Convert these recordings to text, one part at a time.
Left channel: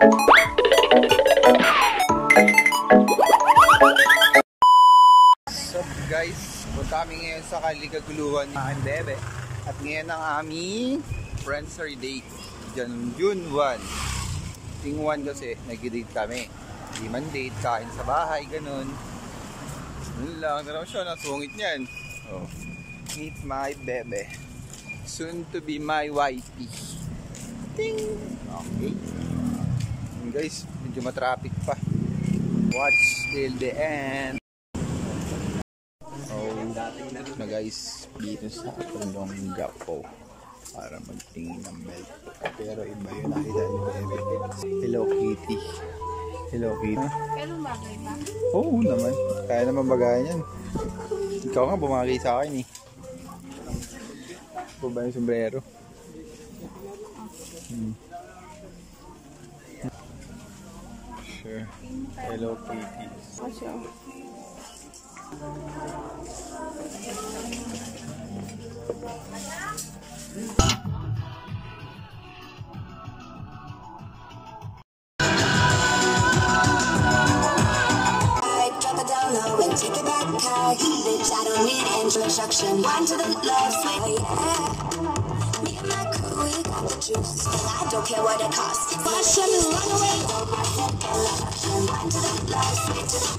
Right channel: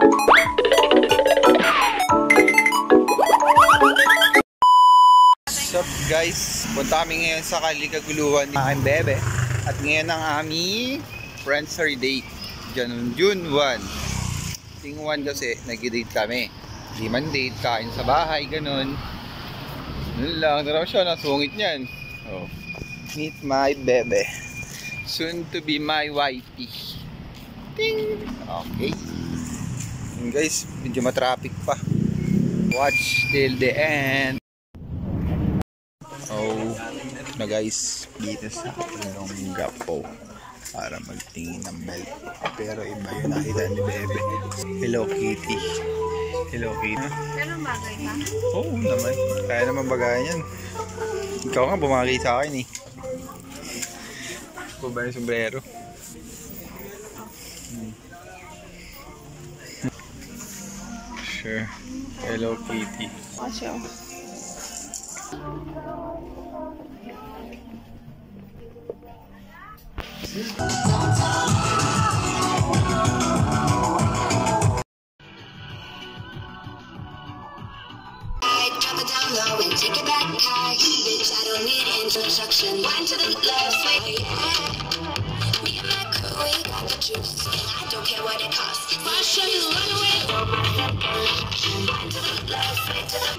What's up guys? Punta kami ngayon sa Kalikaguluhan ni aking bebe. At ngayon ang aming friend's date. June 1. Ting 1 kasi nag-date kami. Di man date, kain sa bahay, ganun. Ganun lang. Tara siya, nasungit niyan. Oh. Meet my bebe. Soon to be my wifey. Ting! Okay. And guys, medyo matraffic pa. Watch till the end. Oh, na guys, dito sa Olongapo para magtingin ng belt. Pero iba yun nakita ni Bebe. Hello Kitty. Hello Kitty. Pero bagay ba? Oo naman. Kaya naman bagayan yan. Ikaw nga bumagi sa akin eh. Ba yung sombrero? Sure. Hello Kitty. Watch out. Take it back high, bitch, I don't need introduction. Wind to the left, oh yeah. Me and my crew, we got the juice, and I don't care what it costs. My shit is run away. Wind to the left, way to the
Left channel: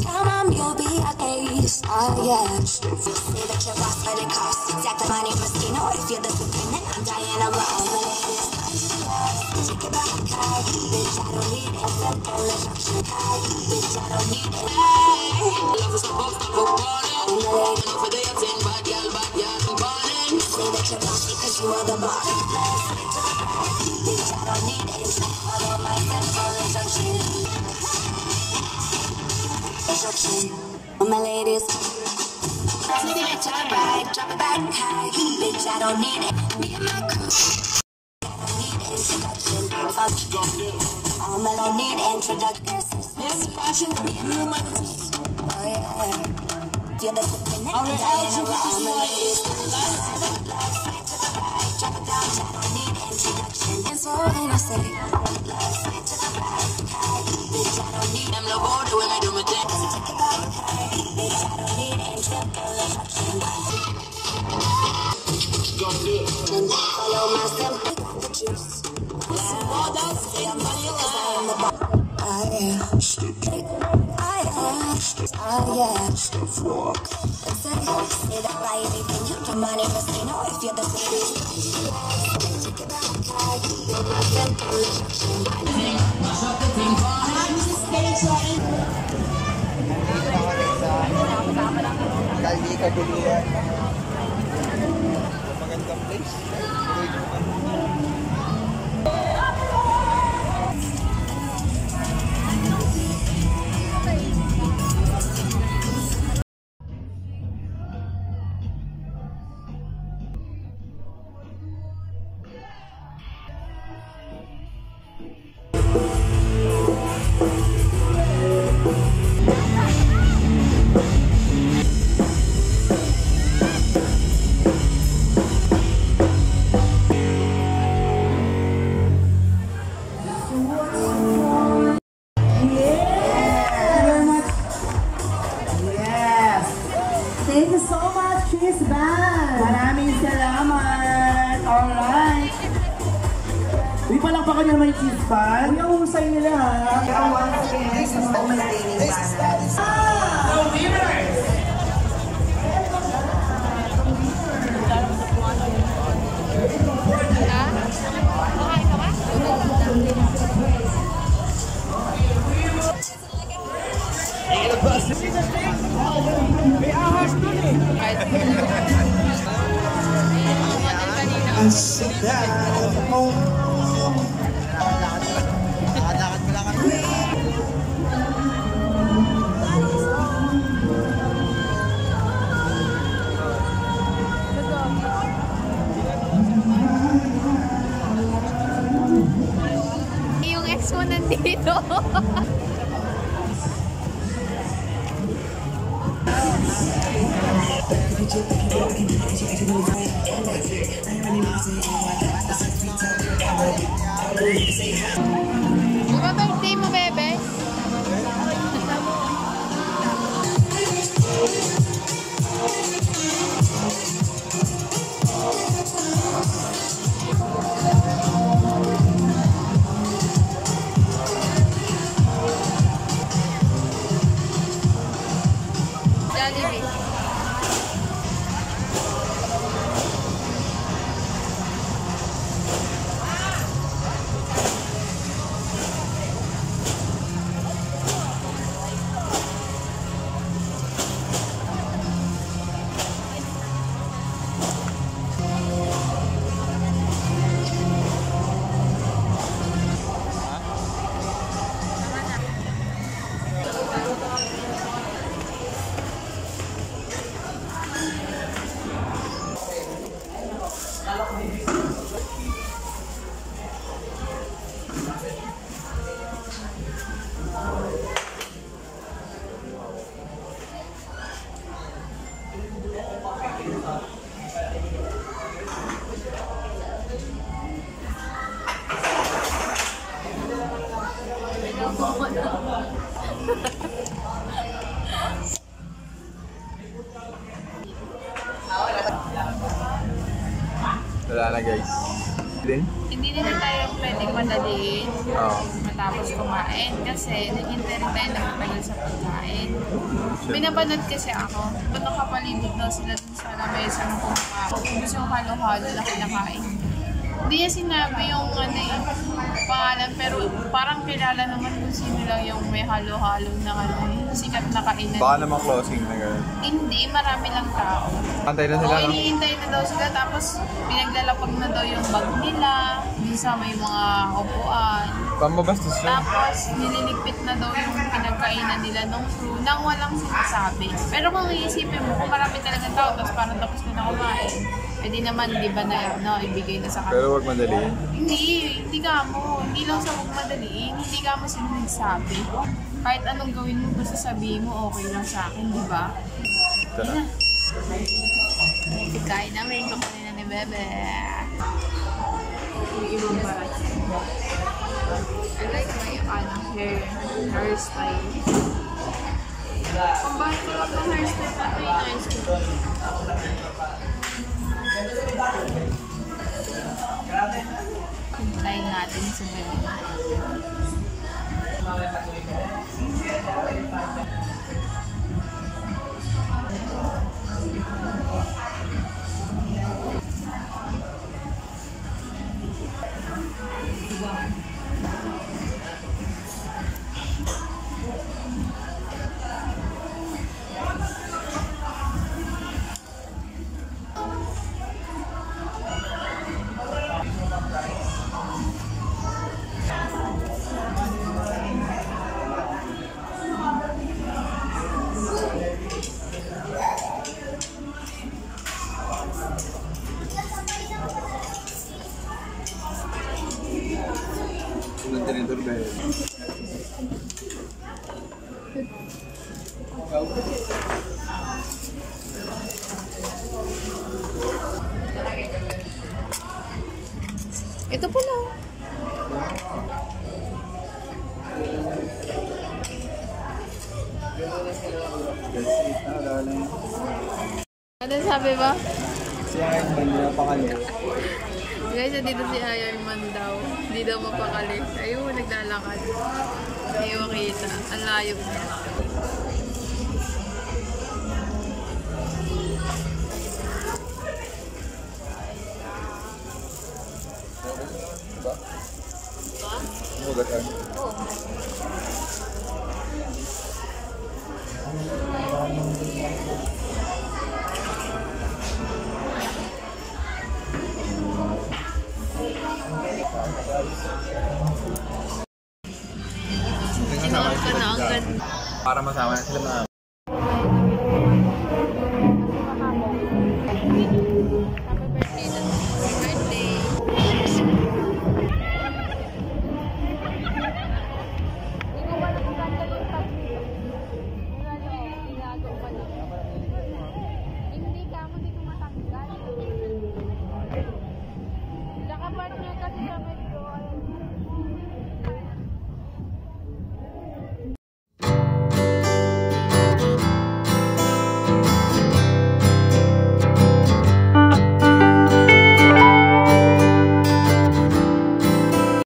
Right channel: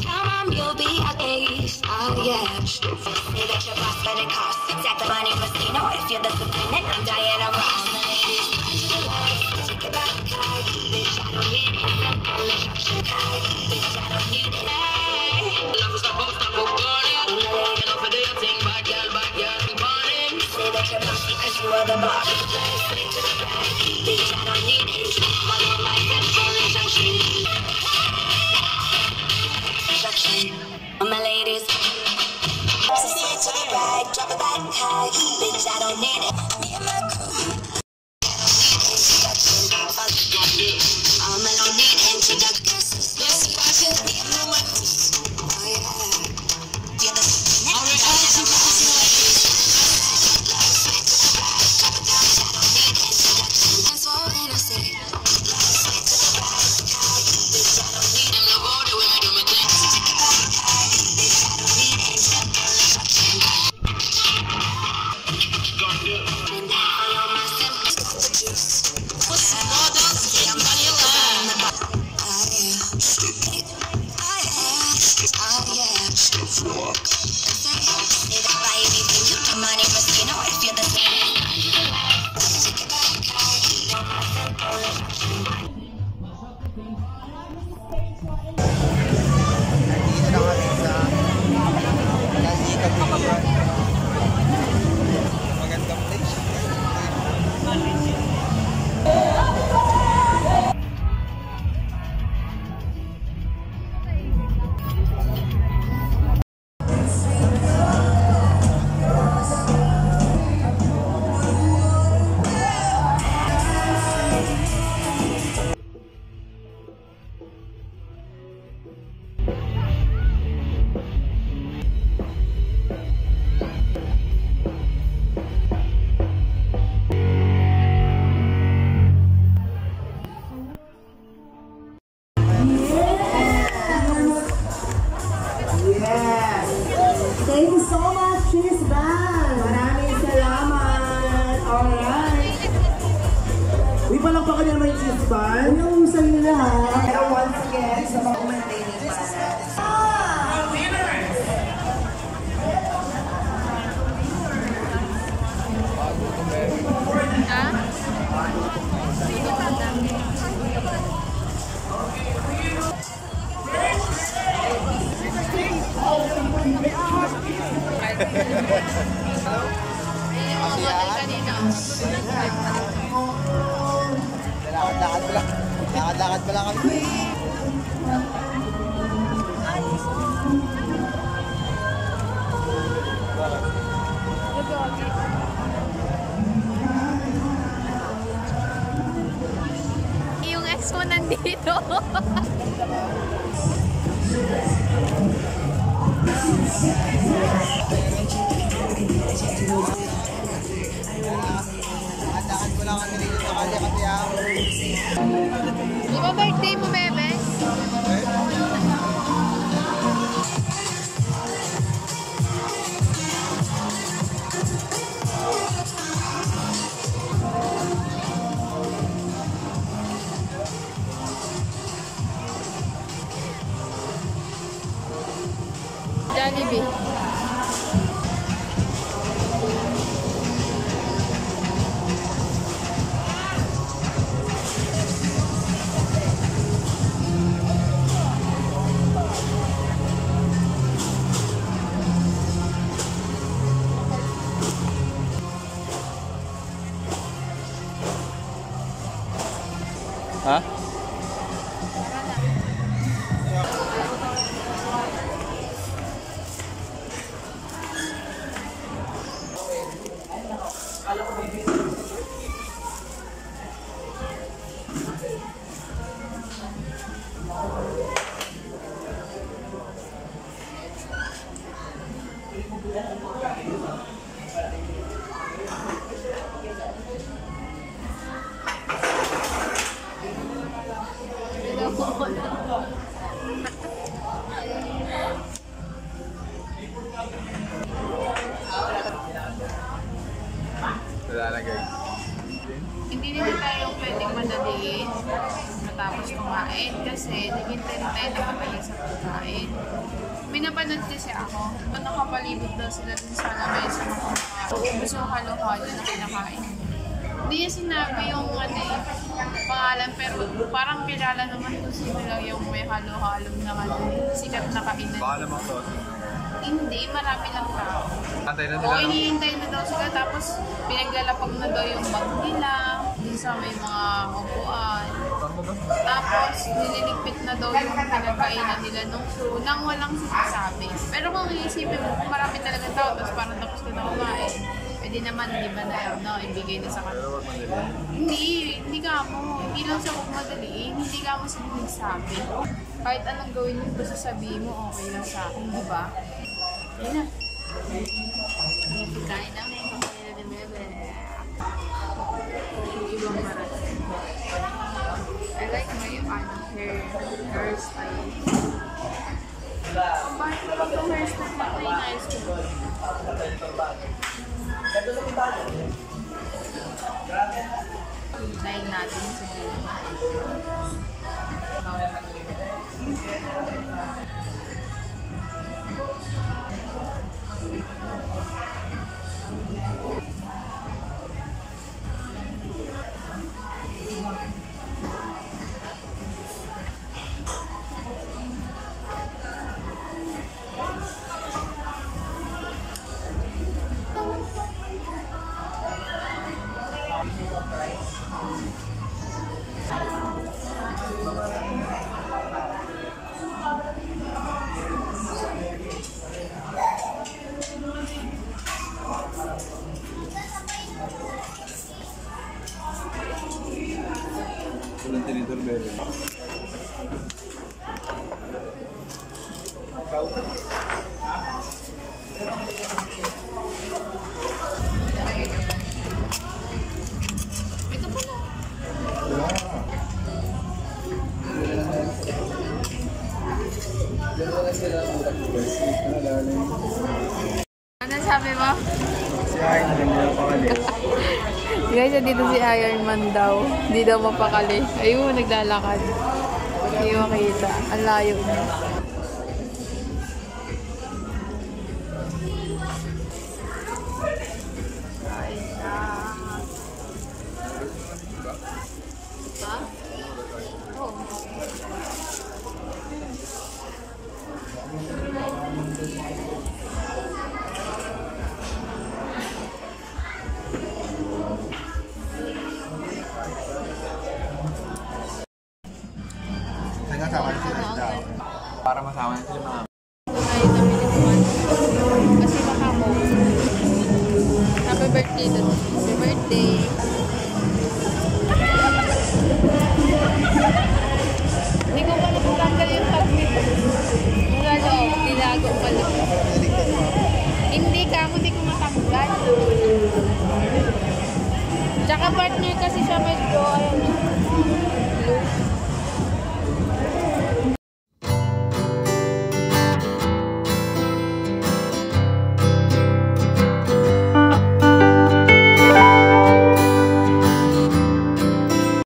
tell mom you'll be at ace, oh yeah. Say that you're boss, but it costs. Exactly my name, Mastino. If you're the supreme, I'm Diana Ross. Take it back high, bitch, I don't need introduction. Bitch, I don't need it. Love is supposed to go burning. Enough for the thing, bad girl, burning. Say that you're boss because you are the boss. Bitch, I don't need it. All of my simple instruction. My ladies. Take it to the right, drop it back high. Bitch, I don't need it. Me and my crew. I don't need introduction. Oh yeah. Feel the that's all when I say. Oh yeah. Say that by anything you can money must you know if you're the same. Take it back. Nandito na kami sa Kalikaguluhan. Magandang place. Di pa lang pa kanya may cheese pan. Uy, ang husay nila ha. Pero once again, sa mga maintaining pan. No winners! Mga model kanina. Lakad pa lang kami. Yung ex mo nandito. Lakad ko lang kami dito sa Kalikaguluhan. Mama, birthday mo, bebe? Jollibee. Ha? Tama na. Wala na guys. Din? Hindi nila tayo pwedeng madaliin Oo. matapos kumain kasi naghintay rin tayo na matagal sa pagkain. May napanood kasi ako, kung nakapalibot daw sila dun sa lamesa ng kumakain. Ubus yung halo-halo na kinakain niya. Hindi niya sinabi yung pangalan, pero parang kilala naman kung sino lang yung may halo-halo na sikat na kainan. Baka naman closing na gano'n. Hindi, marami lang tao. Antay na Oo, sila. No? iniintay na daw sila, tapos pinaglalapag na daw yung bag nila, minsan may mga upuan. Pambabastos na. Tapos nililigpit na daw yung pinagkainan nila nung crew nang walang sinasabi. Pero kung iisipin mo, kung marami talagang tao, tapos parang tapos ka na kumain, pwede naman, di ba na ibigay na sa kanila. Pero wag madali. Hindi ka mo. Hindi lang sa huwag madaliin. Hindi ka mo sila nagsabi. Kahit anong gawin mo, basta sabihin mo, okay lang sa akin, di ba? Yun na. May pagkain na, may kakain na ni Bebe. Yung ibang barat. I like my hairstyle. Ang bahit ko lang itong hairstyle na ito, inayos ko. Hintayin natin sa Bebe. Ito po na. Ano sabi mo? Si Ayn, hindi nila pakali. Guys, dito si Iron Man daw. Hindi daw mapakali. Ayun, naglalakad. Hindi makita. Ang layo niya. Sinuot ko na ang ganda. Para masama na sila mga